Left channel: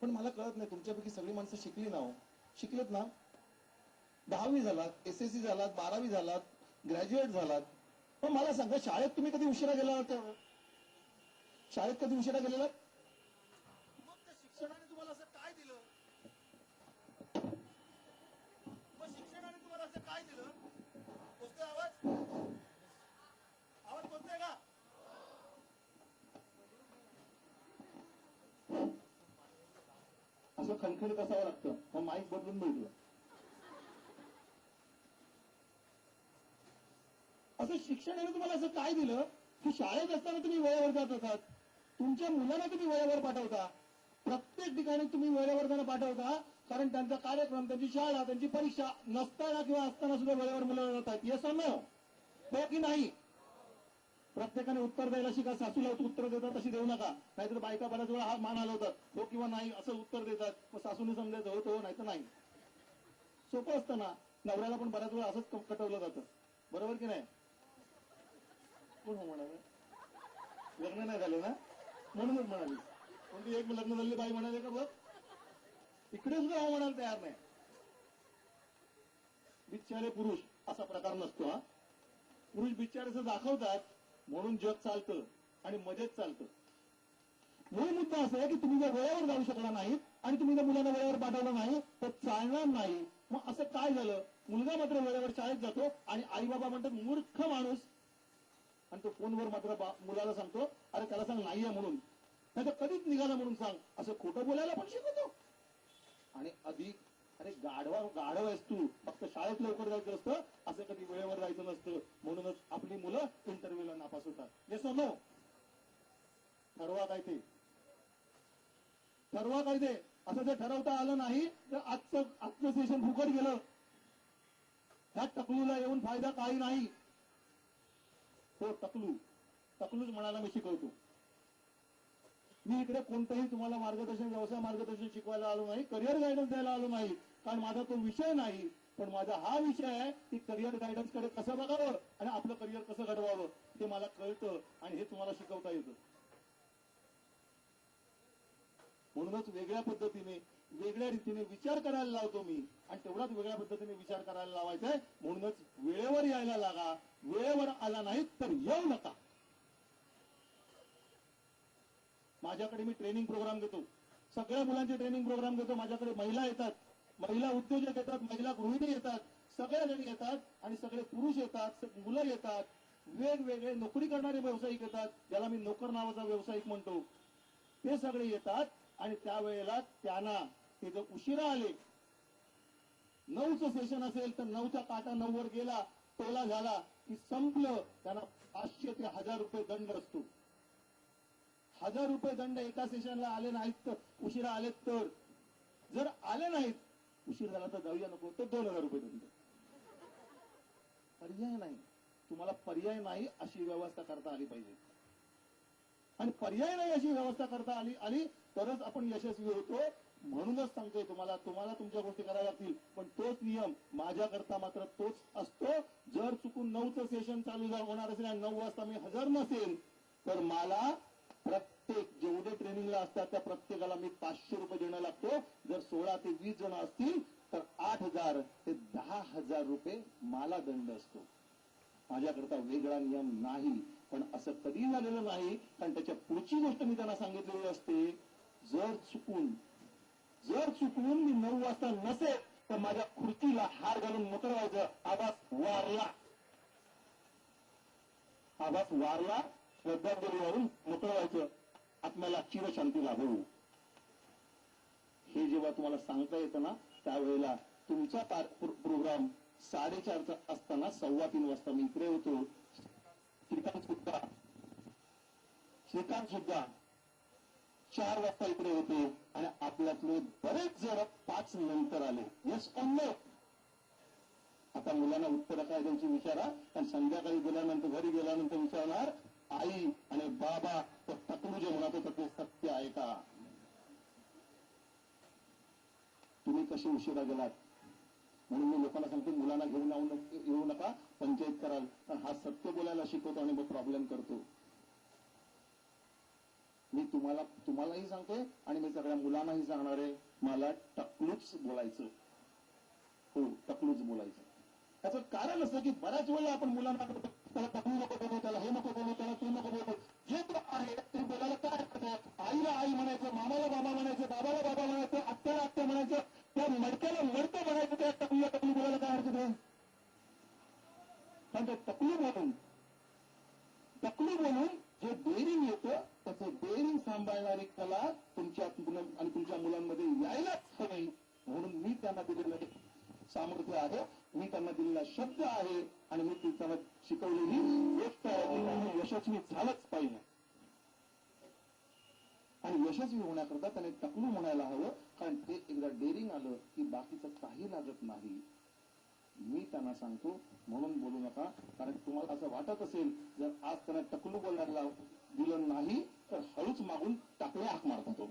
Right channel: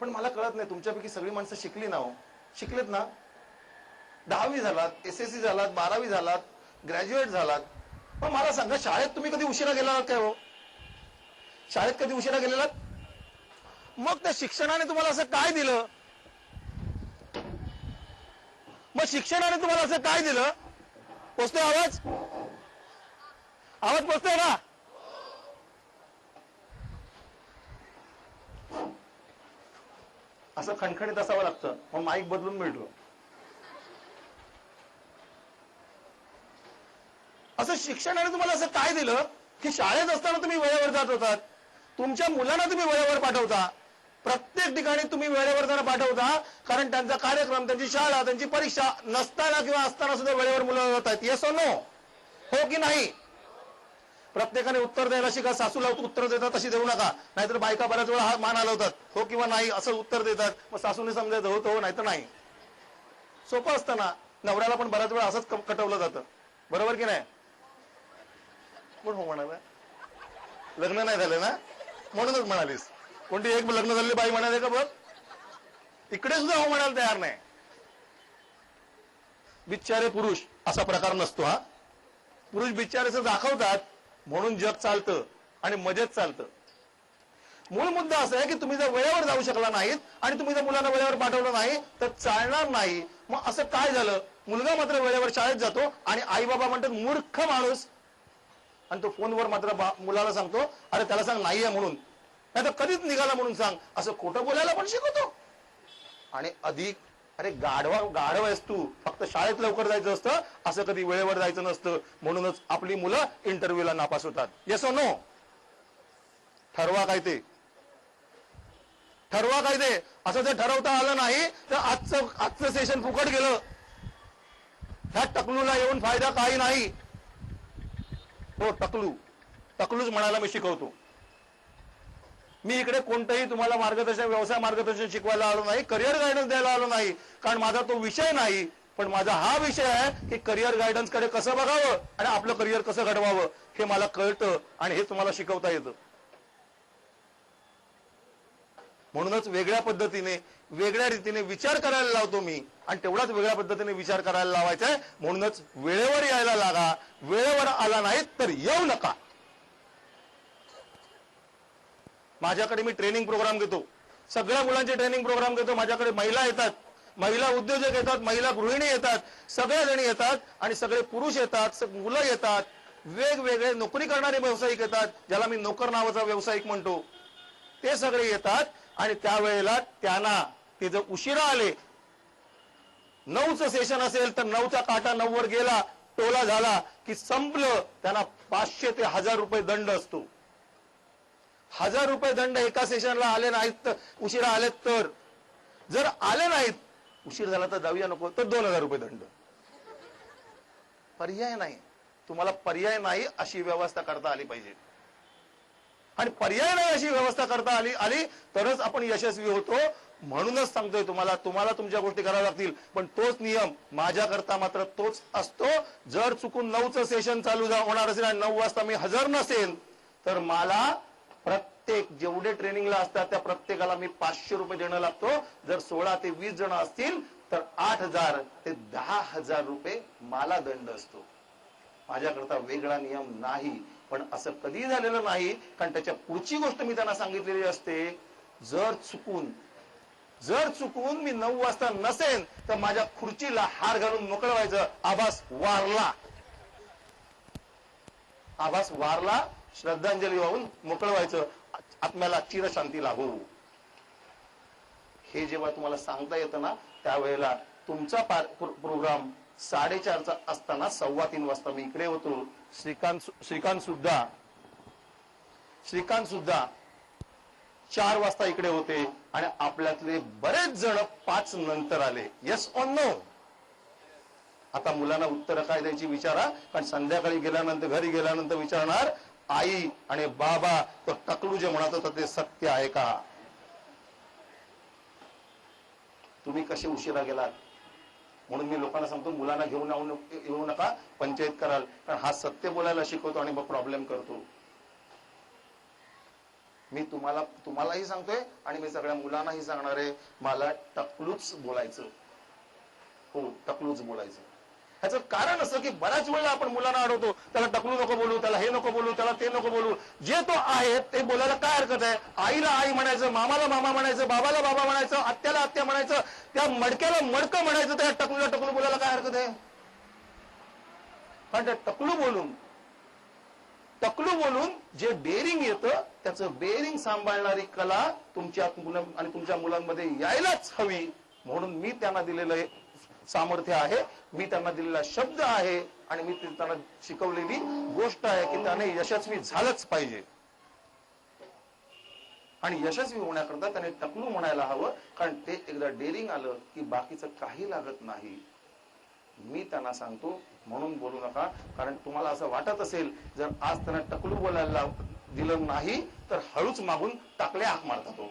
पण मला कळत नाही, तुमच्यापैकी सगळी माणसं शिकली ना हो, शिकलेत ना, 10वी झालात, SSC झालात, 12वी झालात, ग्रॅज्युएट झालात, पण मला सांगा शाळेत तुम्ही कधी उशिरा गेला काय हो? शाळेत कधी उशिरा गेलेलात? मग त्या शिक्षणाने तुम्हाला असं काय दिलं? मग शिक्षणाने तुम्हाला असं काय दिलं? पोचतोय आवाज? आवाज पोचतोय का? असं खणखणीत असावं लागतं, मग माईक बदलून मिळतो. असं शिक्षणाने तुम्हाला असं काय दिलं की शाळेत असताना तुम्ही वेळेवर जात होतात, तुमच्या मुलांना तुम्ही वेळेवर पाठवता, प्रत्येक ठिकाणी तुम्ही वेळेवर जाणं पाठवता, कारण त्यांचा कार्यक्रम, त्यांची शाळा, त्यांची परीक्षा नसताना किंवा असताना सुद्धा वेळेवर मुलं जात आहेत. येस और नो? हो की नाही? प्रत्येकाने उत्तर द्यायला शिका. सासूला उत्तर देतात तशी देऊ नका, नाहीतर बायका बऱ्याच वेळा हा मान हलवतात, हो किंवा नाही असं उत्तर देतात, मग सासूने समजायचं हो तो, नाही तर नाही. सोपं असतं ना. नवऱ्याला पण बऱ्याच वेळा असंच कटवलं जातं, बरोबर की नाही? पण हो म्हणाला, लग्न नाही झालं ना म्हणूनच म्हणालीस. कोणती एक लग्न झालेली बाई म्हणाले का बघ, इकडे सुद्धा हो म्हणायला तयार नाही. बिचारे पुरुष असा प्रकार नसतो हा. पुरुष बिचारेच दाखवतात म्हणून जग चालतं आणि मजेत चालतं. मूळ मुद्दा असा आहे की तुम्ही जर वेळेवर जाऊ शकला नाहीत आणि तुम्ही जर मुलांना वेळेवर पाठवलं नाही तर चालणार नाही. मग असं काय झालं? मुलगा मात्र वेळेवर शाळेत जातो आणि आई बाबा म्हणतात मूर्ख माणूस, आणि तो फोनवर मात्र मुलाला सांगतो अरे त्याला सांग नाहीये म्हणून, नाही तर कधीच निघाला म्हणून सांग, असं खोटं बोलायला पण शिकवतो. आणि अधिक अरे गाढव आहेस तू, फक्त शाळेत लवकर जायचं असतं, असं कधी वेळेवर जायचं नसतं. म्हणूनच आपली मुलं इंटरव्ह्यूला नापास होतात. येस और नो? ठरवा काय ते, ठरवा काय ते. असं ते ठरवता आलं नाही तर आजचं सेशन फुकट गेलं. ह्या टकलूला येऊन फायदा काही नाही. हो टकलूच म्हणायला मी शिकवतो. मी इकडे कोणतंही तुम्हाला मार्गदर्शन, व्यवसाय मार्गदर्शन शिकवायला आलो नाही, करिअर गायडन्स द्यायला आलो नाही, कारण माझा तो विषय नाही. पण माझा हा विषय आहे की करिअर गायडन्स कडे कसं बघावं आणि आपलं करिअर कसं घडवावं हे मला कळतं आणि हे तुम्हाला शिकवता येतं. म्हणूनच वेगळ्या पद्धतीने, वेगळ्या रीतीने विचार करायला लावतो मी, आणि तेवढाच वेगळ्या पद्धतीने विचार करायला लावायचा आहे. म्हणूनच वेळेवर यायला लागा. वेळेवर आला नाहीत तर येऊ नका. माझ्याकडे मी ट्रेनिंग प्रोग्राम घेतो, सगळ्या मुलांचे ट्रेनिंग प्रोग्राम घेतो. माझ्याकडे महिला येतात, महिला उद्योजक येतात, महिला गृहिणी येतात, सगळ्या जणी येतात आणि सगळे पुरुष येतात, मुलं येतात, वेगवेगळे नोकरी करणारे व्यावसायिक येतात, ज्याला मी नोकर नावाचा व्यावसायिक म्हणतो, ते सगळे येतात. आणि त्यावेळेला त्यांना ते जर उशिरा आले, 9चं सेशन असेल तर 9चा काटा 9 वर गेला, टोला झाला की संपलं. त्यांना 500 ते 1000 रुपये दंड असतो. 1000 रुपये दंड एका सेशनला आले नाहीत तर, उशिरा आलेत तर. जर आले नाहीत, उशीर झाला तर जाऊया नको तर 2000 रुपये दंड. पर्याय नाही. तुम्हाला पर्याय नाही अशी व्यवस्था करता आली पाहिजे. आणि पर्याय नाही अशी व्यवस्था करता आली तरच आपण यशस्वी होतो. म्हणूनच सांगतोय तुम्हाला तुमच्या गोष्टी कराव्या लागतील, पण तोच नियम माझ्याकरता मात्र तोच असतो. जर चुकून 9चं सेशन चालू होणार असेल आणि 9 वाजता मी हजर नसेल तर मला प्रत्येक जेवढे ट्रेनिंगला असतात त्या प्रत्येकाला मी 500 रुपये देणं लागतो. जर 16 ते 20 जण असतील तर 8000 ते 10000 रुपये मला दंड असतो. माझ्याकरता वेगळा नियम नाही. पण असं कधी झालेलं नाही, कारण त्याच्या पुढची गोष्ट मी त्यांना सांगितलेली असते. जर चुकून मी 9 वाजता नसेल तर माझ्या खुर्चीला हार घालून मोकळं व्हायचं. आभास वारला श्रद्धांजली वाहून मोकळं व्हायचं, आत्म्याला चिरशांती लाभो. हे जेव्हा तुम्हाला सांगता येतं ना, त्यावेळेला तुमचा प्रोग्राम 4:30चा असताना 2:15 वाजता मी इकडे होतो. श्रीकांत सुद्धा 4 वाजता इकडे होते आणि आपल्यातले बरेच जण 5 नंतर आले. Yes or no? आता मुलांना उत्तर काय द्यायची विचारा, कारण संध्याकाळी गेल्यानंतर, घरी गेल्यानंतर विचारणार आई आणि बाबा तो टकलू जे म्हणत होता ते सत्य आहे का? तुम्ही कसे उशिरा गेलात? म्हणून मी लोकांना सांगतो मुलांना घेऊन येऊ नका, पंचायत कराल. कारण हा सत्य बोलायला शिकवतो आणि मग प्रॉब्लेम करतो. मी तुम्हालाही सांगतोय आणि मी सगळ्या मुलांनाही सांगणार आहे, मला टकलूच बोलायचं. हो, टकलूच बोलायचं. ह्याचं कारण असं की बऱ्याच वेळेला आपण मुलांना अडवतो, त्याला टकलू नको बोलू, त्याला हे नको बोलू, त्याला ते नको बोलू. जे तो आहे ते बोलायला काय हरकत आहे? आईला आई म्हणायचं, मामाला मामा म्हणायचं, बाबाला बाबा म्हणायचं, आत्याला आत्या म्हणायचं, त्या मडक्याला मडकं म्हणायचं, त्या टकलूला टकलू बोलायला काय हरकत आहे? कारण त्या टकलू बोलून जे बेरिंग येतं त्याचं बेरिंग सांभाळणारी कला तुमच्या आणि तुमच्या मुलांमध्ये यायलाच हवी. म्हणून मी त्यांना दिलेलं सामर्थ्य आहे, मी त्यांना दिलेला शब्द आहे आणि मी त्यांना शिकवलेली गोष्ट आहे की त्याने यशस्वी झालंच पाहिजे. आणि यशस्वी होण्याकरता त्याने टकलू म्हणायला हवं, कारण ते एकदा डेअरिंग आलं की बाकीचं काही लागत नाही. मी त्यांना सांगतो म्हणून बोलू नका, कारण तुम्हाला असं वाटत असेल जर आज त्यांना टकलू बोलायला दिलं नाही तर हळूच मागून टाकल्या हाक मारता तो.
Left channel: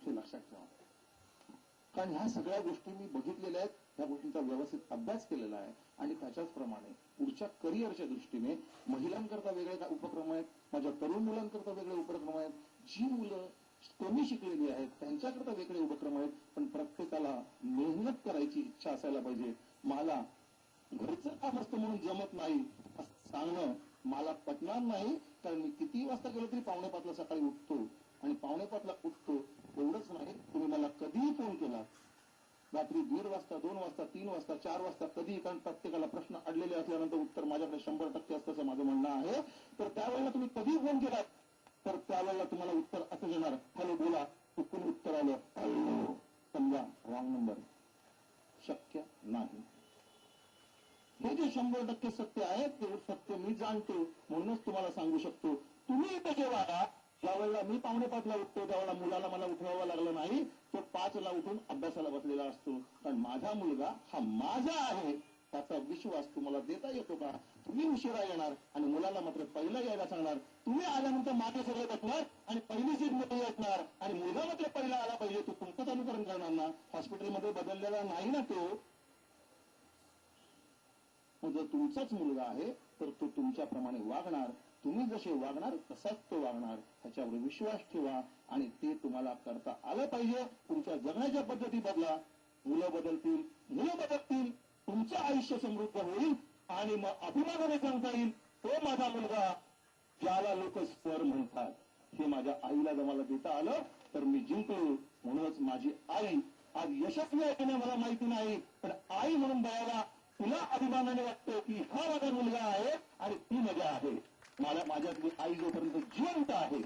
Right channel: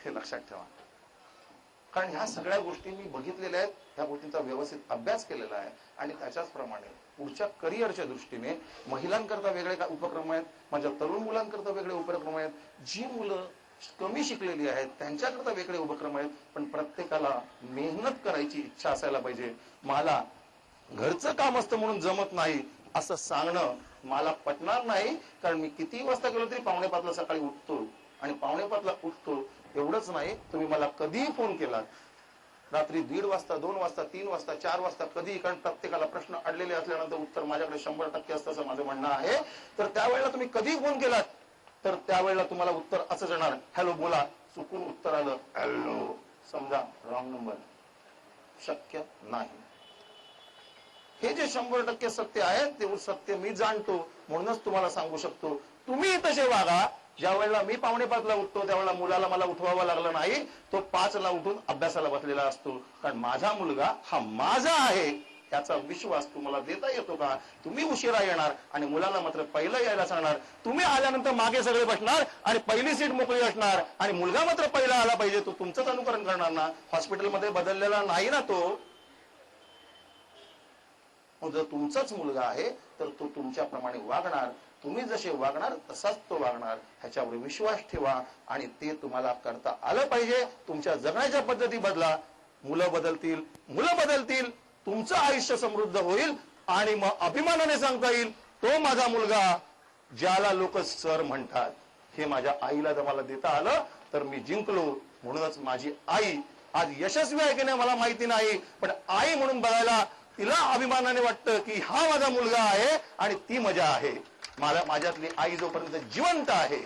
हे लक्षात ठेवा, कारण ह्या सगळ्या गोष्टी मी बघितलेल्या आहेत, त्या गोष्टींचा व्यवस्थित अभ्यास केलेला आहे आणि त्याच्याच प्रमाणे पुढच्या करिअरच्या दृष्टीने महिलांकरता वेगळे उपक्रम आहेत, माझ्या तरुण मुलांकरता वेगळे उपक्रम आहेत, जी मुलं कमी शिकलेली आहेत त्यांच्याकरता वेगळे उपक्रम आहेत. पण प्रत्येकाला मेहनत करायची इच्छा असायला पाहिजे. मला घरचं काम असतं म्हणून जमत नाही असं सांगणं मला पटणार नाही, कारण मी किती वाजता गेलो तरी 4:45 सकाळी उठतो आणि 4:45 उठतो. एवढंच नाही, तुम्ही मला कधीही फोन केला, रात्री 1:30 वाजता, 2 वाजता, 3 वाजता, 4 वाजता, कधीही, कारण प्रत्येकाला प्रश्न अडलेले असल्यानंतर उत्तर माझ्याकडे 100% असतं असं माझं म्हणणं आहे. तर त्यावेळेला तुम्ही कधीही फोन केलात तर त्यावेळेला तुम्हाला उत्तर असं येणार, हॅलो बोला. चुकून उत्तर आलं हॅलो, समजा रॉंग नंबर, शक्य नाही. हे जे 100% सत्य आहे ते सत्य मी जाणतो, म्हणूनच तुम्हाला सांगू शकतो, तुम्ही तसे वागा. ज्या वेळेला मी 4:45 उठतो त्यावेळेला मुलाला मला उठवावं लागलं नाही, तो 5 उठून अभ्यासाला बसलेला असतो. कारण माझा मुलगा हा माझा आहे त्याचा विश्वास तुम्हाला देता येतो का? तुम्ही उशिरा येणार आणि मुलांना मात्र पहिलं यायला सांगणार. तुम्ही आल्यानंतर मागे सगळे बसणार आणि पहिली सीट मोकळी असणार आणि मुलगा मात्र पहिला आला पाहिजे. तो तुमचंच अनुकरण करणार ना, हॉस्पिटलमध्ये बदललेला नाही ना तो. जर तुमचाच मुलगा आहे तर तो तुमच्याप्रमाणे वागणार, तुम्ही जसे वागणार तसाच तो वागणार. ह्याच्यावर विश्वास ठेवा आणि ते तुम्हाला करता आलं पाहिजे. तुमच्या जगण्याच्या पद्धती बदला, मुलं बदलतील, तुमचं आयुष्य समृद्ध होईल आणि मग अभिमानाने सांगता येईल, तो माझा मुलगा ज्याला लोक सर म्हणतात. हे माझ्या आईला जर मला देता आलं तर मी जिंकलो. म्हणूनच माझी आई आज यशस्वी आहे की नाही मला माहिती नाही, पण आई म्हणून बघायला तिला अभिमानाने वाटतं की हा माझा मुलगा आहे आणि ती मजा आहे. माझ्यातली आई जोपर्यंत जिवंत आहे